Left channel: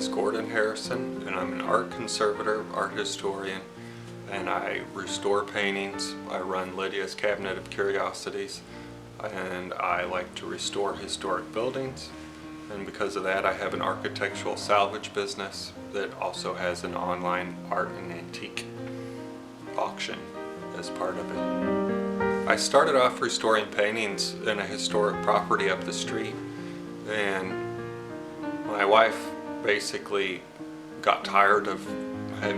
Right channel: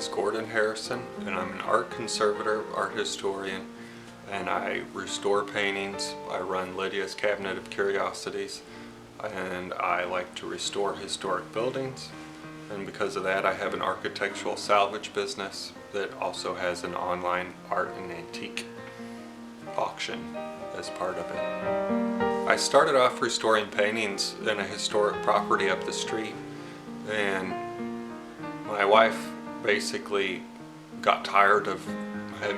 is Gordon Harrison, and I'm an art conservator, art historian, and I restore paintings. I run Lydia's Cabinet of Curiosities, and I like to restore historic buildings. And because of that, I have an architectural salvage business that also has an online art and antique auction as part of it. I started off restoring paintings in a historic property up the street, and my wife basically got tired of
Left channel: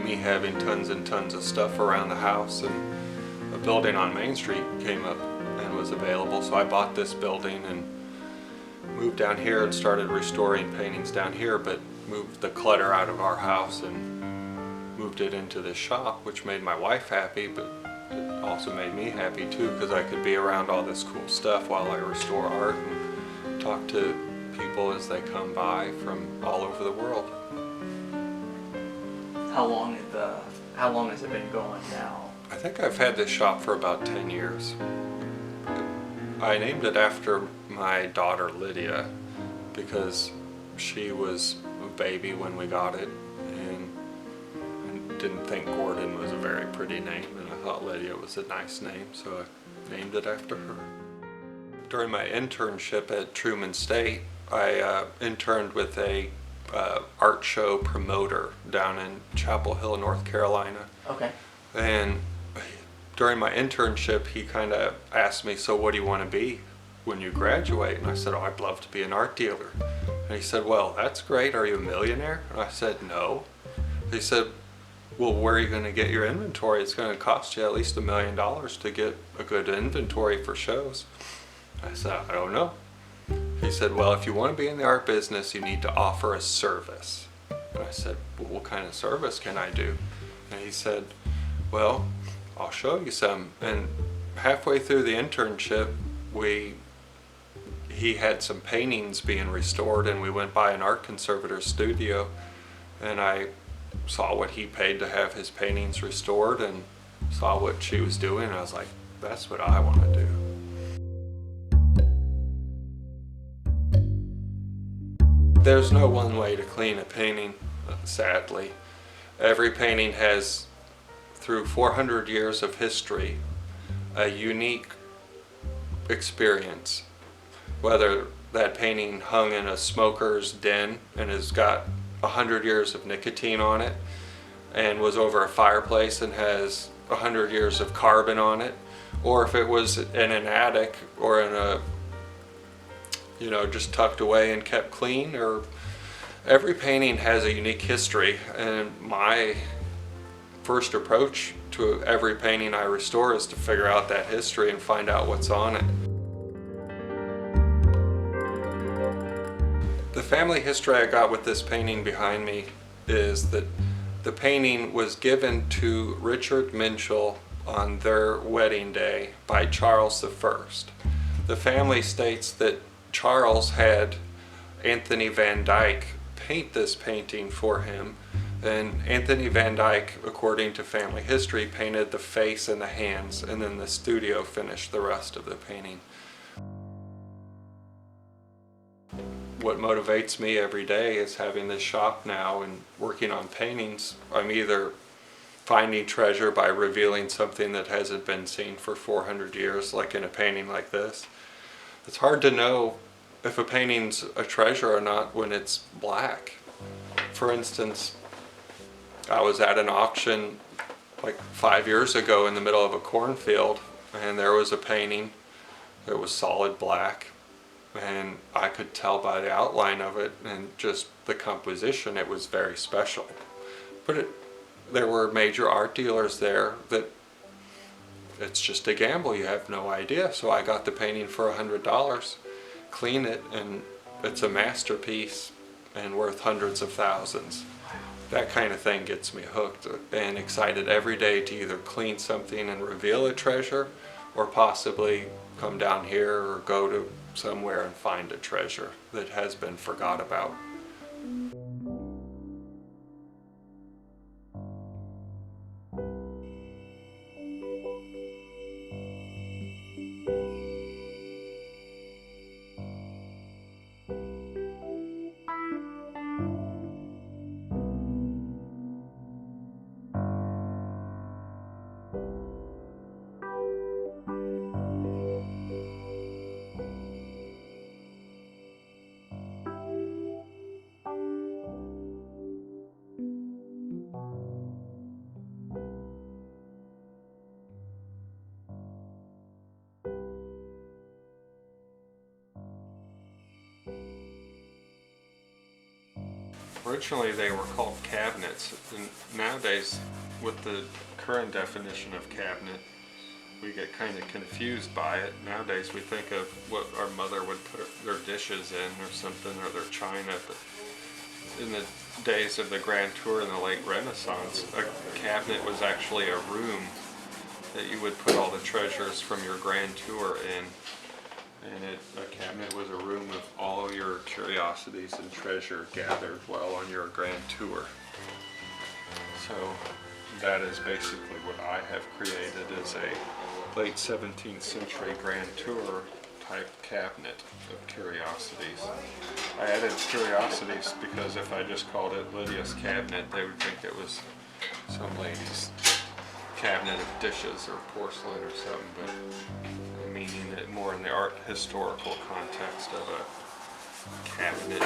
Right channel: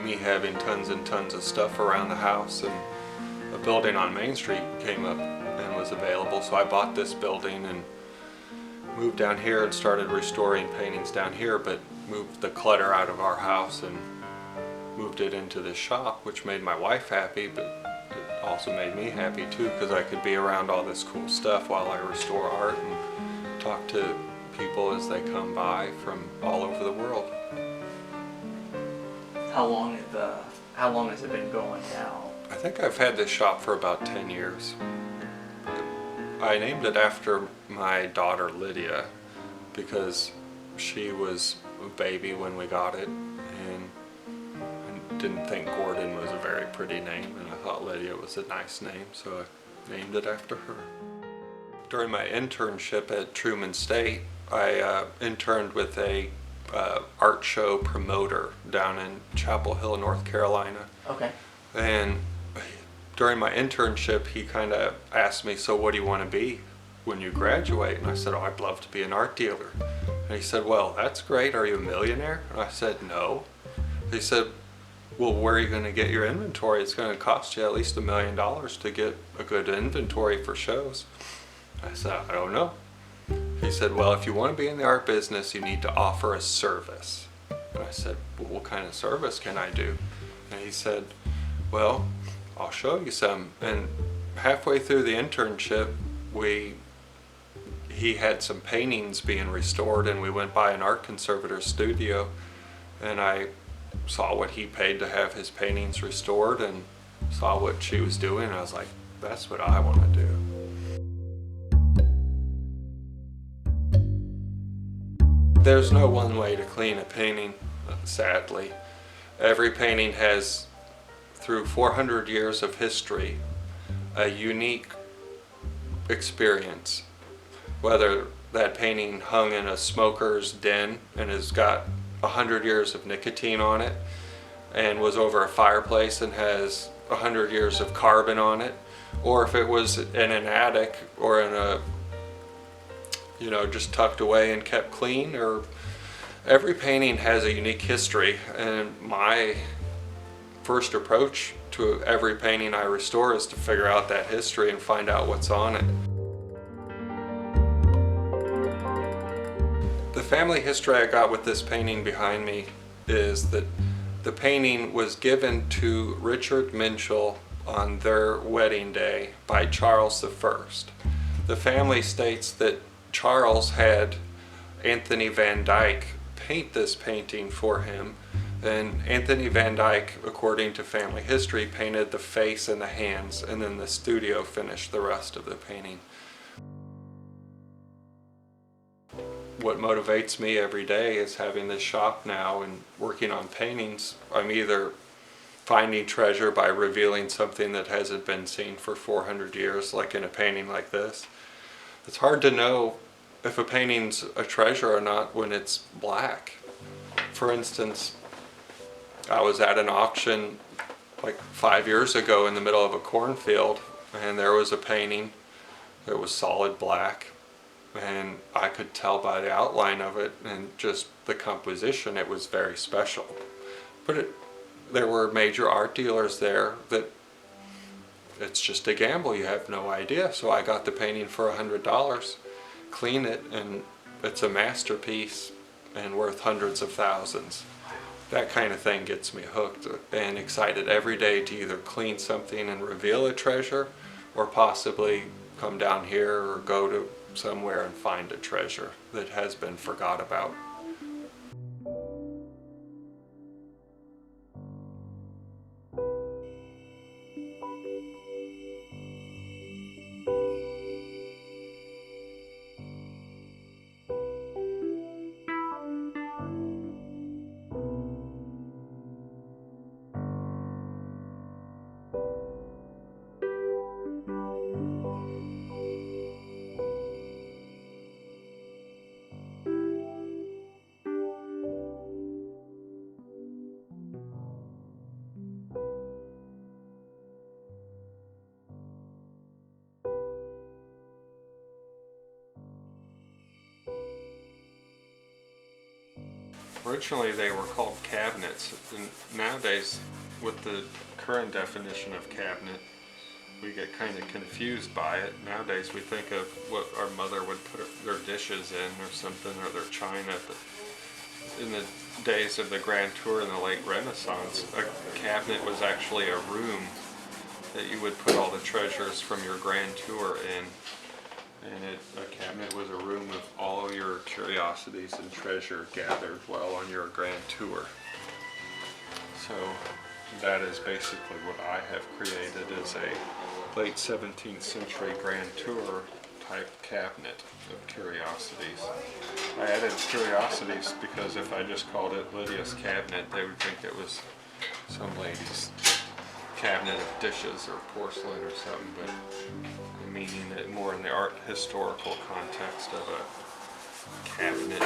me having tons and tons of stuff around the house, and a building on Main Street came up and was available, so I bought this building and moved down here and started restoring paintings down here, but moved the clutter out of our house and moved it into this shop, which made my wife happy, but it also made me happy too, because I could be around all this cool stuff while I restore art and talk to people as they come by from all over the world. How long has it been going now? I think I've had this shop for about 10 years. I named it after my daughter Lydia because she was a baby when we got it, and I didn't think Gordon was a very pretty name, and I thought Lydia was a nice name, so I named it after her. During my internship at Truman State, I interned with a art show promoter down in Chapel Hill, North Carolina. Okay. And during my internship, he kind of asked me, so what do you want to be when you graduate? And I said, oh, I'd love to be an art dealer. And he said, well, that's great. Are you a millionaire? And I said, no. He said, well, where are you going to get your inventory? It's going to cost you at least $1 million to get a good inventory for shows. I said, I don't know. He said, well, if you want to be in the art business, you need to offer a service. And I said, well, what kind of service can I do? And he said, well, I'll show you some. And halfway through the internship, he had some paintings being restored, and we went by an art conservator's studio, and I saw what he paid to have his paintings restored and saw what she was doing, and I was like, that's what I want to do. There's no one way to clean a painting, sadly. Every painting has, through 400 years of history, a unique experience. Whether that painting hung in a smoker's den and has got 100 years of nicotine on it, and was over a fireplace and has 100 years of carbon on it, or if it was in an attic or in a, just tucked away and kept clean. Or every painting has a unique history, and my first approach to every painting I restore is to figure out that history and find out what's on it. The family history I got with this painting behind me is that the painting was given to Richard Minchell on their wedding day by Charles I. The family states that Charles had Anthony Van Dyck paint this painting for him, and Anthony Van Dyck, according to family history, painted the face and the hands, and then the studio finished the rest of the painting. What motivates me every day is having this shop now and working on paintings. I'm either finding treasure by revealing something that hasn't been seen for 400 years, like in a painting like this. It's hard to know if a painting's a treasure or not when it's black. For instance, I was at an auction like 5 years ago in the middle of a cornfield, and there was a painting that was solid black, and I could tell by the outline of it and just the composition it was very special. But there were major art dealers there that it's just a gamble, you have no idea. So I got the painting for $100, clean it, and it's a masterpiece and worth hundreds of thousands. That kind of thing gets me hooked and excited every day to either clean something and reveal a treasure, or possibly come down here or go to somewhere and find a treasure that has been forgot about. Originally they were called cabinets, and nowadays with the current definition of cabinet, we get kind of confused by it. Nowadays we think of what our mother would put their dishes in or something, or their china. But in the days of the Grand Tour in the late Renaissance, a cabinet was actually a room that you would put all the treasures from your Grand Tour in. And a cabinet was a room of all of your curiosities and treasure gathered while on your Grand Tour. So that is basically what I have created, as a late 17th century Grand Tour type cabinet of curiosities. I added curiosities because if I just called it Lydia's cabinet, they would think it was some lady's cabinet of dishes or porcelain or something, but meaning it more in the art historical context of a cabinet